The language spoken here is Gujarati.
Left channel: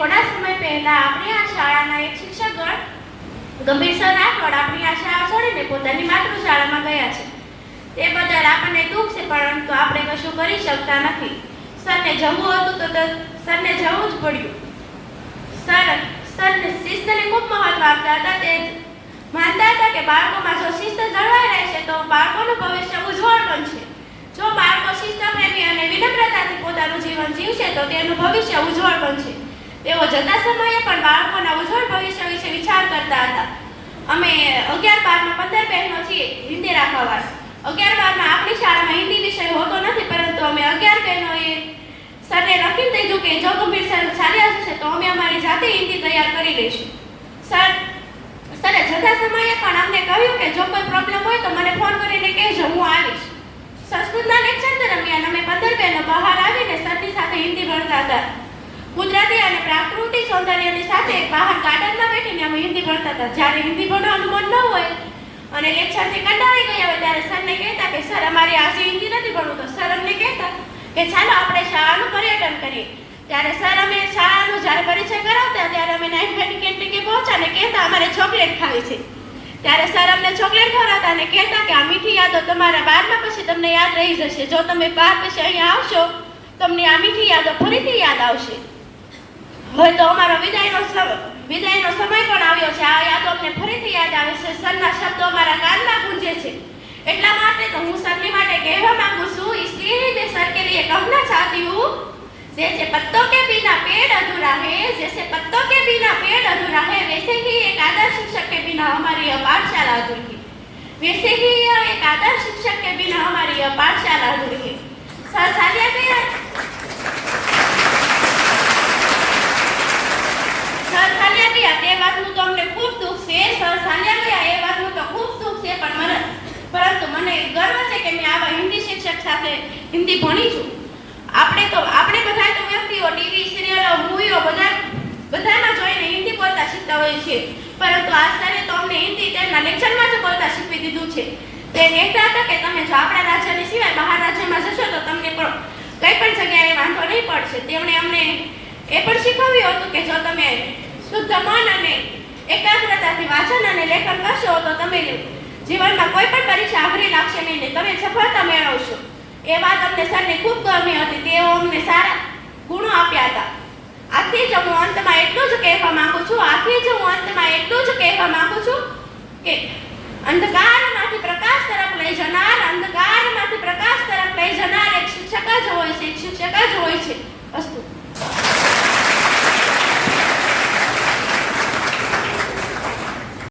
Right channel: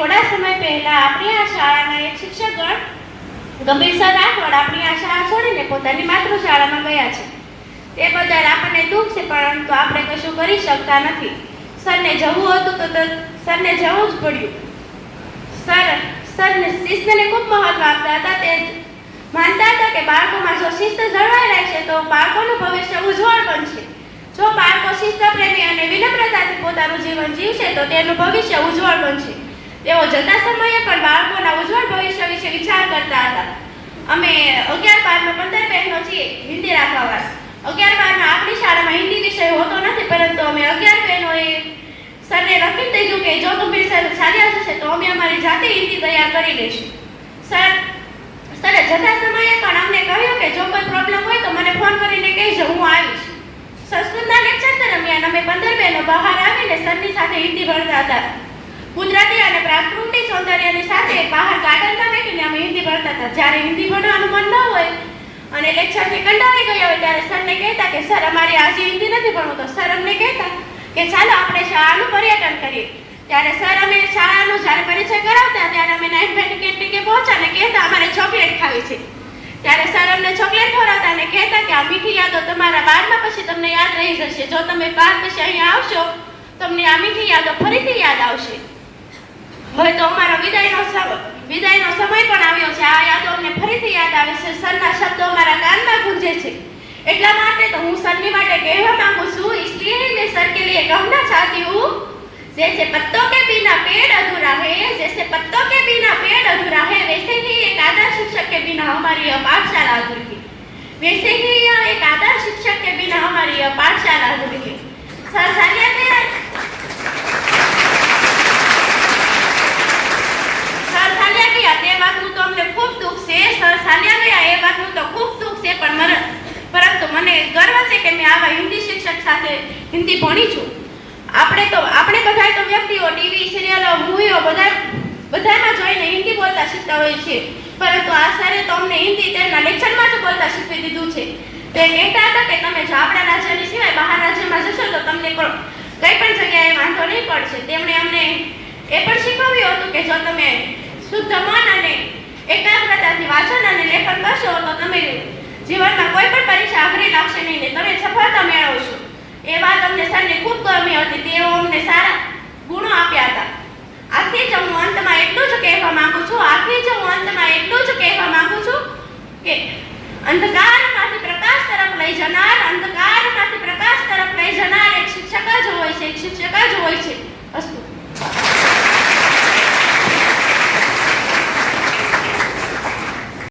થોડા સમય પહેલા આપણી આ શાળાના એક શિક્ષકગણ ગંભીર સર રાઠોડ આપણી આ શાળા છોડીને પોતાની માતૃશાળામાં ગયા છે. તે બદલ આપણને દુઃખ છે, પરંતુ આપણે કશું કરી શકતા નથી. સરને જવું હતું તો સરને જવું જ પડ્યું. સરને શિસ્તને ખૂબ મહત્વ આપતા હતા. તે માનતા હતા કે બાળકોમાં જો શિસ્ત જળવાઈ રહેશે તો બાળકોનું ભવિષ્ય ઉજ્જવળ બનશે. જો બાળકો શિસ્તપ્રેમી અને વિનમ્રતાથી પોતાનું જીવન જીવશે તો તેનું ભવિષ્ય ઉજ્જવળ બનશે. તેઓ જતા સમયે પણ બાળકોના ઉજ્જવળ ભવિષ્ય વિશે વિચાર કરતા હતા. અમે 11-12માં 15 બહેનો છીએ હિન્દી રાખવાવાળા. 11-12માં આપણી શાળામાં હિન્દી વિષય હોતો નથી, પરંતુ અમે 11 બહેનોએ સરને નક્કી થઈ ગયું કે જો ગંભીર સર ચાલ્યા જશે તો અમે અમારી જાતે હિન્દી તૈયાર કરી લઈશું. સરે જતા સમયે પણ અમને કહ્યું કે જો કોઈ પ્રોબ્લેમ હોય તો મને ફોન કરીને કહેજો, હું આવીશ. સંસ્કૃતના લેક્ચર દરમિયાન અમે 15 બહેનો બહાર આવીને સરની સાથે હિન્દી ભણતા હતા. ગુજરાતી અને પ્રાકૃતિક સૌંદર્યની સાથે બહાર ગાર્ડનમાં બેસીને અમે હિન્દી ભણતા હતા. જ્યારે હિન્દી ભણવાનું મન ન હોય અને લેક્ચરથી કંટાળી ગયા હોય ત્યારે સરને કહેતા કે સર અમારી આજે હિન્દી નથી ભણવું, તો સર અમને કહેતા કે ચાલો આપણે શાળાનું પર્યટન કરીએ. ત્યારે સર અમે શાળાનો જ્યારે પરિચય કરાવતા ત્યારે અમે નાઇટ વેની કેન્ટીને પહોંચ્યા અને કહેતા અમારે ચોકલેટ ખાવી છે. ત્યારે સર અમને ચોકલેટ ખવડાવતા અને કહેતા કે આ મીઠી યાદો તમારા 12મા પછી તમને યાદ રહી જશે. જો તમે 12 પછી અહીંયા આવશો તમને આ મીઠી યાદો ફરીથી યાદ આવશે. હવે તો અમારો વિદાયનો સમય પણ આવ્યો છે. આ યાદો અમને ફરીથી યાદ આવે છે. સરના શબ્દો અમારા કાનમાં ગુંજે છે. એટલા માટે તો હું સરની માટે કહેવા માંગુ છું, इसलिए ही मैं सर के लिए कहना चाहती हूँ, जैसे पत्तों के बिना पेड़ अधूरा है, जैसे पत्तों के बिना पेड़ अधूरा है, वैसे ही एक आदर्श शिक्षक के बिना हमारी यह पाठशाला अधूरी है. वैसे ही एक आदर्श शिक्षक के बिना हमारी यह पाठशाला अधूरी है. सर सालिया ગયા તે વાતનું તો અમને ખૂબ દુઃખ છે. સર ચાલ્યા ગયા એ વાતનું તો ખૂબ દુઃખ છે, પરંતુ મને ગર્વ છે કે મેં આવા હિન્દી શિક્ષક સાથે હિન્દી ભણી છું. આપણે બધા તો વ્યક્તિઓ ટીવી સિરિયલો મૂવીઓ બધામાં જોઈને હિન્દી બોલતા શીખતા હોય છે, પરંતુ આ સરે તો અમને હિન્દી તેમના લેક્ચરમાં જ બોલતા શીખવી દીધું છે. તે કહેતા હતા કે તમે જો આપણા રાજ્યની સિવાય બહાર રાજ્યમાં જશો તો તમને કઈ પણ જગ્યાએ વાંધો નહીં પડશે. તેમણે અમને એ પણ શીખવ્યું હતું કે જો તમે શુદ્ધ મન અને એકાગ્રતાથી વાંચન અને લેખન કરશો તો તમે જીવનમાં કોઈ પણ પરીક્ષા અઘરી લાગશે નહીં ને તમે સફળતા મેળવશો. એ વાત અમને સરને ખૂબ ગમી હતી. તેઓ અમને સારા ગુણો આપ્યા હતા. આથી જ હું અંતમાં એટલું જ કહેવા માંગુ છું કે અંધકાર